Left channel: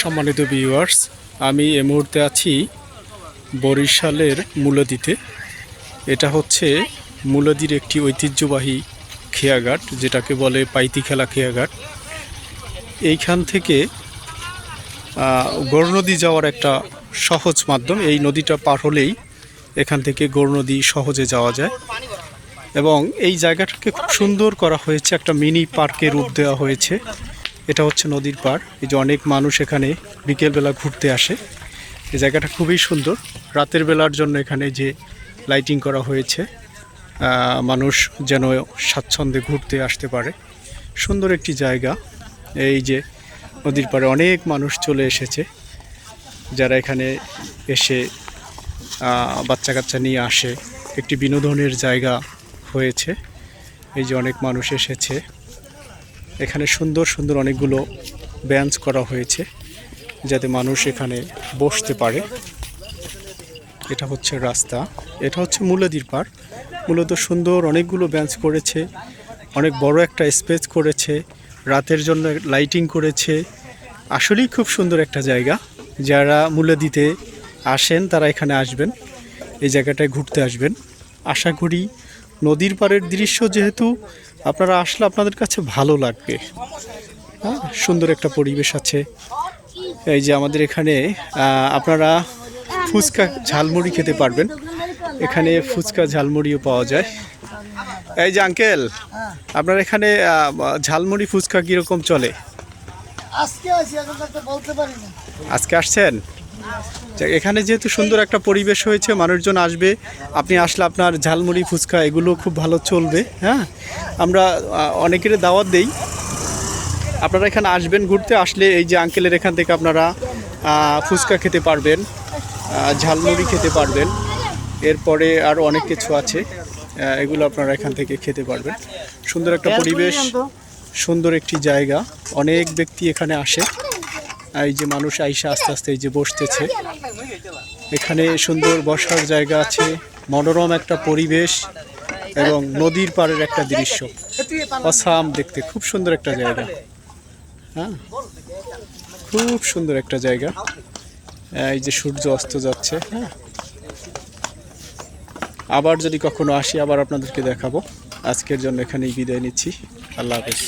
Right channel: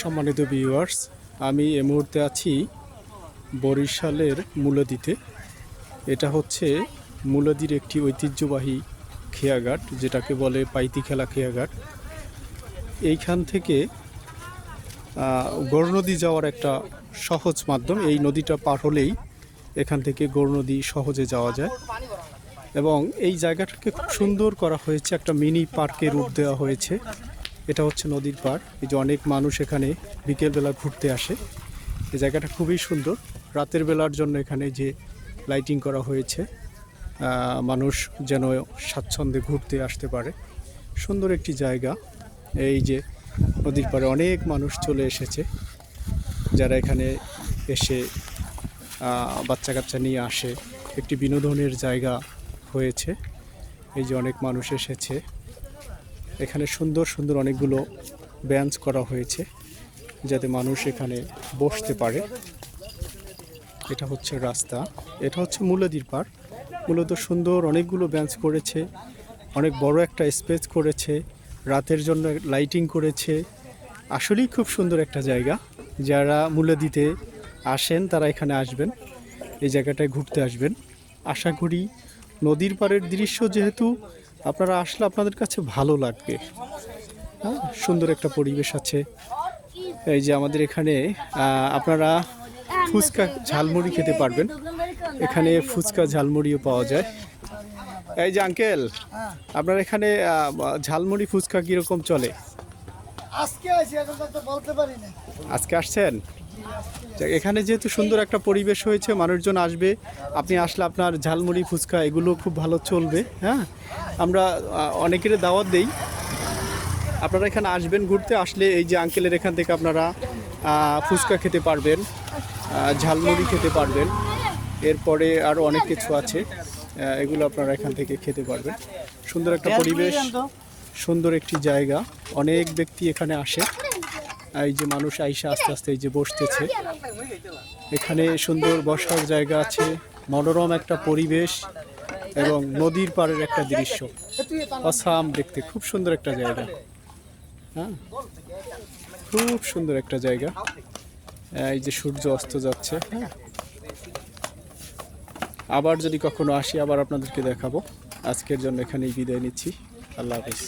সম্মানিত ভিউয়ার্স, আমি এই মুহূর্তে আছি বরিশালের মূলাদিতে। এটা হচ্ছে মূলাদির একটি ঐতিহ্যবাহী খেয়াঘাট, যেটাকে বলে পাইতি খেলা খেয়াঘাট। এইখান থেকে গৌরনদী যাওয়ার একটা সহজ মাধ্যম। এই নদীটা পার হলেই এখান থেকে গৌরনদী সহজে যাওয়া যায় এবং এই জায়গাটাকে খুব সুন্দর করা হয়েছে, একটা মিনি পার্কের রূপ দেওয়া হয়েছে। এটা হচ্ছে নদীর পাড়। এই যে অনেক মানুষ এখানে বিকেলবেলা ঘুরতে আসে। এই জায়গাটা খুবই সুন্দর। রাতের বেলার জন্য এখানে যে লাইটিং করা হয়েছে, মানুষ যেন স্বাচ্ছন্দ্যে ঘুরতে আসতে পারে। সুন্দর একটি জায়গা। এই যে নদীর পাড়ে অনেক মানুষ চলে এসেছে, যারা এখানে এসে বাচ্চা কাচ্চা নিয়ে আসে। একটি বিনোদনের জায়গা হয়েছে। এই যে অনেক মানুষ এসেছে। এখানে সুন্দর সুন্দর অনেকগুলো বেঞ্চ করা হয়েছে, যাতে মানুষ এখানে বসতে পারে। এটা হচ্ছে রাস্তা, এটা হচ্ছে মূলাদির পাড়। মূলত সুন্দর অনেকগুলো বেঞ্চ করেছে, অনেক বড় একটা স্পেস করেছে, রাতের জন্য লাইটিং করেছে। আসলেই খুব সুন্দর একটা জায়গা। যারা মূলাদিতে আসেন তারা এখানে আসবেন, এই জায়গাটায় ঘুরতে আসবেন। আশা করি নদীর পাড়ের দৃশ্য যেহেতু আপনারা আসলে আপনাদের কাছে ভালো লাগবে। হ্যাঁ, সুন্দর একটা পরিবেশ আছে। এই যে আমাদের এখানে আপনারা ফুচকা ঝালমুড়ি খেতে পারবেন। এখানে ফুচকা ঝালমুড়িও পাওয়া যায়। এই যে আঙ্কেল, আপনার এখানে ঝালমুড়ি ফুচকা কীরকম চলে? আজকে আসছেন? এখানে যেহেতু সুন্দর একটা পরিবেশ হয়েছে, মানুষজন আসবে। আপনি আসলে আপনার ঝালমুড়ি ফুচকা এগুলো খুব ভালো চলবে। হ্যাঁ, আমরা অনেকের দাওয়াত দেই, আপনারা এখানে আসবেন ঘুরতে। আসলে এই যে আঙ্কেলের এখান থেকে আপনারা ফুচকা খেতে পারবেন, ঝালমুড়ি খেতে পারবেন, এরপরে আরও অনেক কিছু আছে, এগুলো আপনারা এখান থেকে খেতে পারবেন। সুন্দর একটা পরিবেশ, সুন্দর একটি জায়গা। অনেক ব্যক্তি এখানে আসে। এই যে মানুষ আইসা আস্তে আস্তে এই যে বসতেছে। এখানে সুন্দর বসার জায়গা আছে, মনোরম একটা পরিবেশ এবং নদীর পাড়ের একটা দৃশ্য। অসাম দেখতে, খুব সুন্দর একটা জায়গা। হ্যাঁ, খুব সুন্দর একটা জায়গা। এই যে সূর্য অস্ত যাচ্ছে। হ্যাঁ, আবার যদি কখনো আসি আবার আপনাদেরকে দেখাবো। আজকের জন্য এখানেই বিদায় নিচ্ছি। আল্লাহ হাফেজ।